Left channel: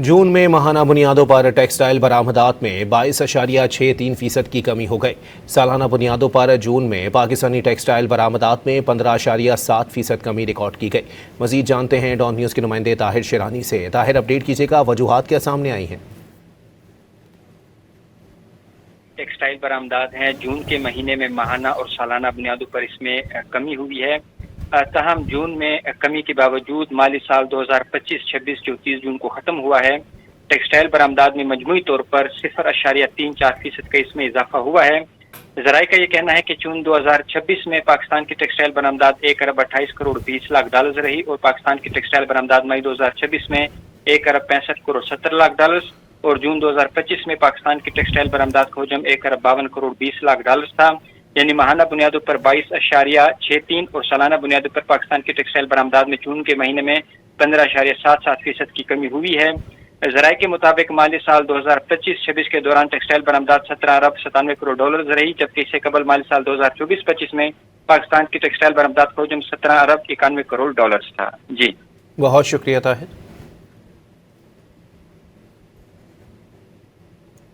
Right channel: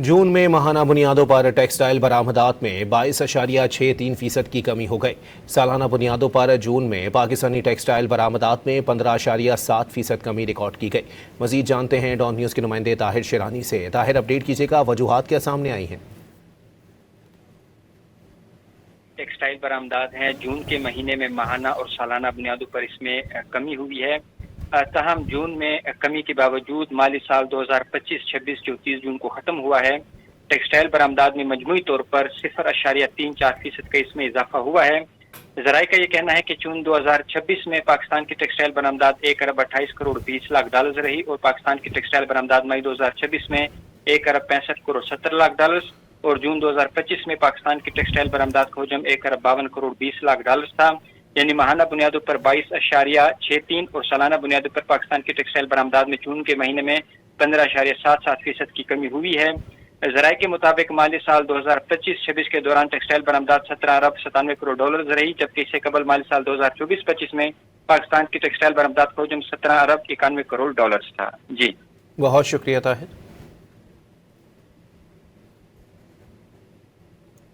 जून में माहाना बुनियादों पर टेक्सटाइल बरामदात में 22.63% की कमी हो गई। सालाना बुनियादों पर जून में पाकिस्तानी टेक्सटाइल बरामदात में 15.7% कमी रिकॉर्ड की गई। मजीद जानते हैं डॉन न्यूज़ के नुमाइंदे ताहिर शिरानी से। ताहिर, अपडेट कीजिएगा, वजूहात क्या सामने आई हैं? टेक्सटाइल बरामदात हैं, जून के महीने में माहाना और सालाना बुनियादों पर इसमें कमी हुई है। ताहम जून में कमी के बावजूद माली साल 2025-26 जो 30 जून को ख़त्म हुआ है, टेक्सटाइल बरामदात में मजमूई तौर पर 0.34% का इसमें इजाफा हुआ है। ज़राए का ये कहना है कि जून 2026 में पाकिस्तान की टेक्सटाइल बरामदात 1.28 करोड़ 20 लाख डॉलर रही और पाकिस्तान की टेक्सटाइल बरामदात मई 2026 में 1.65 करोड़ 70 लाख डॉलर और जून 2025 में पाकिस्तान की टेक्सटाइल बरामदात का हजम 1.52 करोड़ 20 लाख डॉलर था। यानी माहाना बुनियादों पर 22.63 और सालाना बुनियादों पर पाकिस्तान की टेक्सटाइल बरामदात में जून के महीने में 15.77% की कमी हुई है। ज़राए के मुताबिक माली साल 2025-26 के दौरान टेक्सटाइल बरामदात 17 अरब 97 करोड़ डॉलर रही, जबकि इससे कबल माली साल 2024-25 में पाकिस्तान की टेक्सटाइल बरामदात का हजम 17 अरब 91 करोड़ डॉलर था। जी, बहुत शुक्रिया ताहिर।